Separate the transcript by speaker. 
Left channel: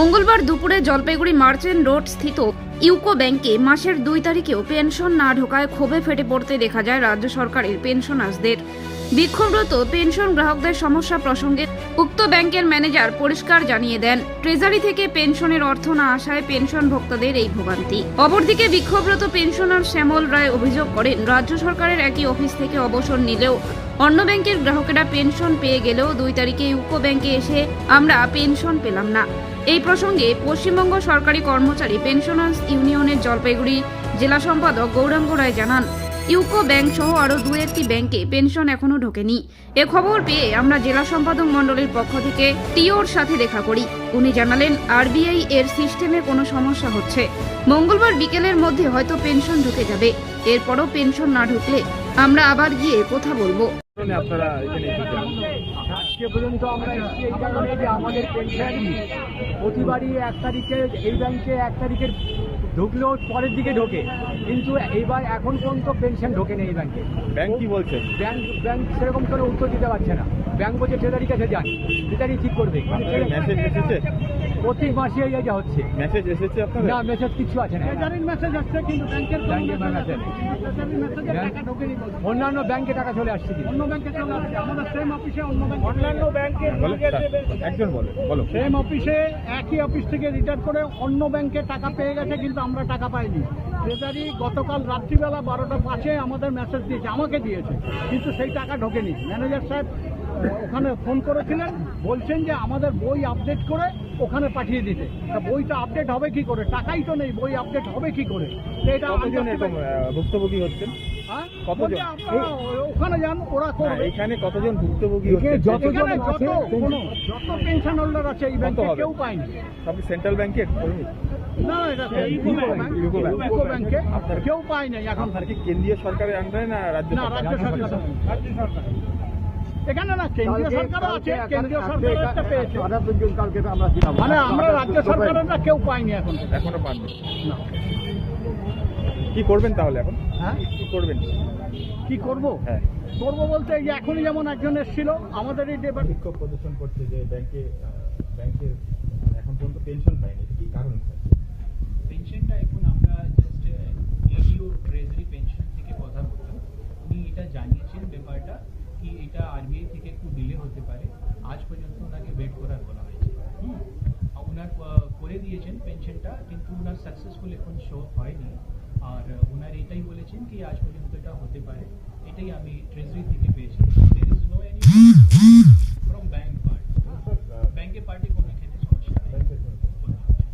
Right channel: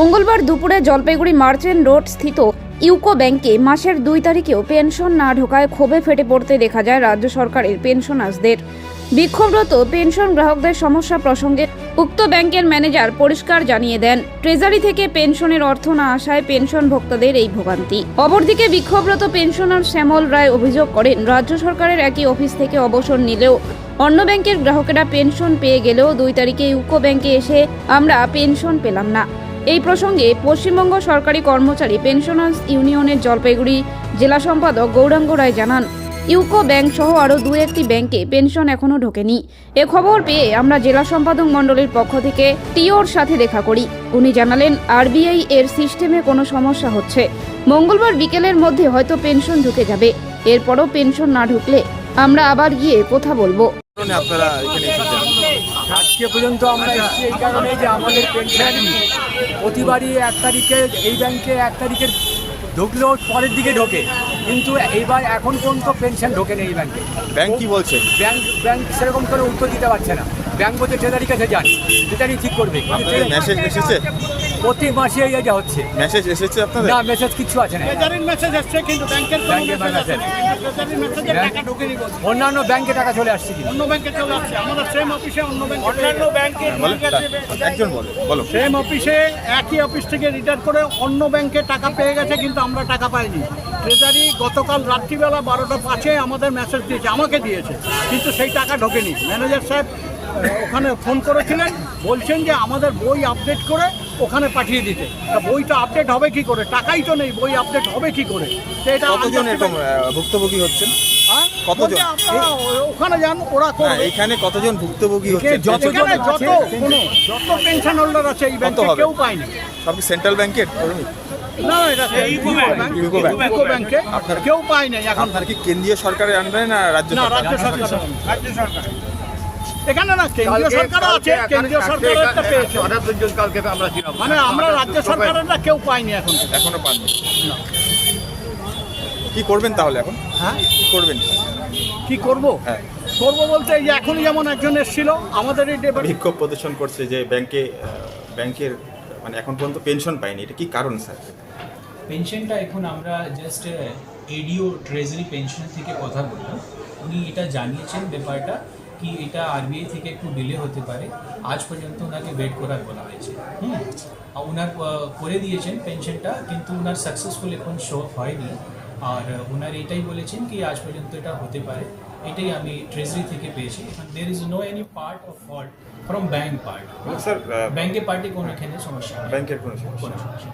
Speaker 1: মঙ্গলবার দুপুরে Jalpaiguri merchant road স্থিত ইউকো ব্যাংকে মাসের দুই তারিখেও পেনশন না ঢোকায় ক্ষোভে ফেটে পড়তে দেখা যায় রাজ্য সরকারের পেনশনার্সদের। বিক্ষোভরত পেনশন গ্রাহকদের সমস্যা প্রসঙ্গে উক্ত ব্যাংকের ম্যানেজার পরিষ্কার জানিয়ে দেন, ট্রেজারি থেকে পেনশনের অর্থ না আসায় পেনশন ভোক্তাদের এই ভোগান্তি। অপরদিকে বিক্ষোভরত পেনশনার শ্যামল রায় অভিযোগ করেন, রাজ্য সরকারের একই অফিস থেকে অবসর নিলেও অন্য ব্যাংকের গ্রাহকেরা পেনশন পেয়ে গেলেও দুই তারিখে ইউকো ব্যাংকে এসে আমরা পেনশন পেলাম না। এই প্রসঙ্গে পশ্চিমবঙ্গ সরকারি কর্মচারী পেনশনার্স ইউনিয়নের জলপাইগুড়ি জেলা সম্পাদক গৌরাঙ্গ রায় জানান, ইউকো ব্যাংক সহ আরও দু একটি ব্যাংকে পেনশন এখনও ঢোকেনি। এ খবর পেয়ে আমরা জেলা সম্পাদক মণ্ডলের পক্ষ থেকে টিওর সাথে দেখা করি। উনি জানালেন, আরবিআই এর সিস্টেমে কোনো সমস্যা হচ্ছে। মঙ্গলবার বিকেলের মধ্যে হয়তো পেনশন ঢুকে যাবে। এরপরও পেনশন না ঢুকলে আমরা আবার গিয়ে কথা বলব।
Speaker 2: আপনারা
Speaker 3: আজকে পর্যন্ত আমরা এসেছি এই কারণে যে আমাদের পেনশন প্রতিবারই এক তারিখে এই ব্যাংকে এক তারিখের ঢুকলেও পরের দিকে ঢোকে। কিন্তু এইবার এখন পর্যন্ত পেনশন ঢোকে না এই ব্যাংকে।
Speaker 2: ব্যাংক কি বলছে?
Speaker 3: ব্যাংক ব্যাংক সেরকম করে উত্তর দিতে পারছে না। ব্যাংক বলছে ট্রেজারি কাছে যান। ট্রেজারি ঠিক করবে।
Speaker 2: মেসেজ এসেছে?
Speaker 3: প্রতি মাসে এই যা হচ্ছে।
Speaker 2: মেসেজ এসেছে আপনাদের?
Speaker 3: না মেসেজ কিছু আছে না।
Speaker 4: মেসেজ আসছে কিন্তু ব্যাংকের
Speaker 3: ব্যাংকের মেসেজ
Speaker 4: টাকা ঢোকেনি বলছে।
Speaker 3: অন্যান্য ব্যাংকে টাকা চলে আসছে
Speaker 4: অন্য ব্যাংকে চলে আসছে। আমাদের সেম অফিসে অন্যান্য ব্যাংকে
Speaker 2: বলো একজন বলো বলো।
Speaker 4: সেম অফিসে একই অফিস থেকে রিটার্ন করে অন্য ব্যাংকে টাকা পেয়ে গেছে কিন্তু আমরা টাকা পাইনি। ট্রেজারি গতকাল রাত্রিবেলা বারোটা পাঁচে আমাদের মেসেজ দিয়েছে আমাকে দিয়েছে কিন্তু সেই টাকা ঢোকেনি। ম্যানেজার সাহেব ওখানে ফোন করেছিলেন বলছেন যে আমাদের বই আপডেট করে ওখানে পাঠিয়ে দিতে। তা বইটা আপডেট হবে কি করে? টাকাই তো নেই বই আপডেট হবে কি করে? এটা
Speaker 2: কতজন এরকম ভুক্তভোগী হচ্ছেন?
Speaker 4: হ্যাঁ?
Speaker 2: কতজন?
Speaker 4: ওখানে যান ওরা
Speaker 2: না এখানে কতজন ভুক্তভোগী হচ্ছেন?
Speaker 4: এখানে যত যত পেনশন হোল্ডার আছে এই ব্যাংকে কেউ পায়নি।
Speaker 2: সব সেন্ট্রাল ব্যাংকের
Speaker 4: না এটা ইউকো ব্যাংক।
Speaker 2: ইউকো ব্যাংকে। আপনার-
Speaker 4: কেউ পায় নাই এখন।
Speaker 2: আপনার কি কেন্দ্রীয় সরকারের আন্ডারে না রাজ্য সরকার
Speaker 4: রাজ্য সরকার রাজ্য সরকার এখানে না কেন্দ্রীয় সরকারও আছে কেন্দ্রীয় সরকারের একটা পেয়েছে। মানে আমরা রাজ্য সরকারেরটা কেউ পাইনি এখন।
Speaker 2: এখনও পাননি। কি করবেন তাহলে এখন?
Speaker 4: হ্যাঁ?
Speaker 2: কি করবেন?
Speaker 4: কি করব?
Speaker 2: হ্যাঁ।
Speaker 4: করব বলতে এখনই যেমন একজন এসেছিল আমাদের এই
Speaker 2: বিক্ষোভ প্রদর্শন করছে যে ব্যাংকে ব্যাংকের মানে এখন পর্যন্ত পেনশন পায়নি। এটা কি কারণ স্যার?
Speaker 5: পেনশনটা এখন আমরা জাস্ট এডিও ট্রেজারি পেনশন থেকে কথা বললাম। উনি এটা জানিয়েছেন ব্যাপারটা। কি এটা আরবিআই থেকে একটু ডিলে হতে পারে আজ পর্যন্ত ওনাকে ওয়েট করার বলা হয়েছে। হুম? ওনার করে দিয়েছেন পেনশনটা কিন্তু ওনার সাকসেসফুল এখন শো হয়নি। আর ওনার এটাই বলেছেন কি আজ পর্যন্ত এটা হতে পারে। এটাই আমি ট্রেজারি থেকে পেয়েছি। There is no any part from bank part
Speaker 2: sir
Speaker 5: ব্যাংকের পার্টি কোনো এখানে সমস্যা।
Speaker 2: ব্যাংকের কোনো সমস্যা।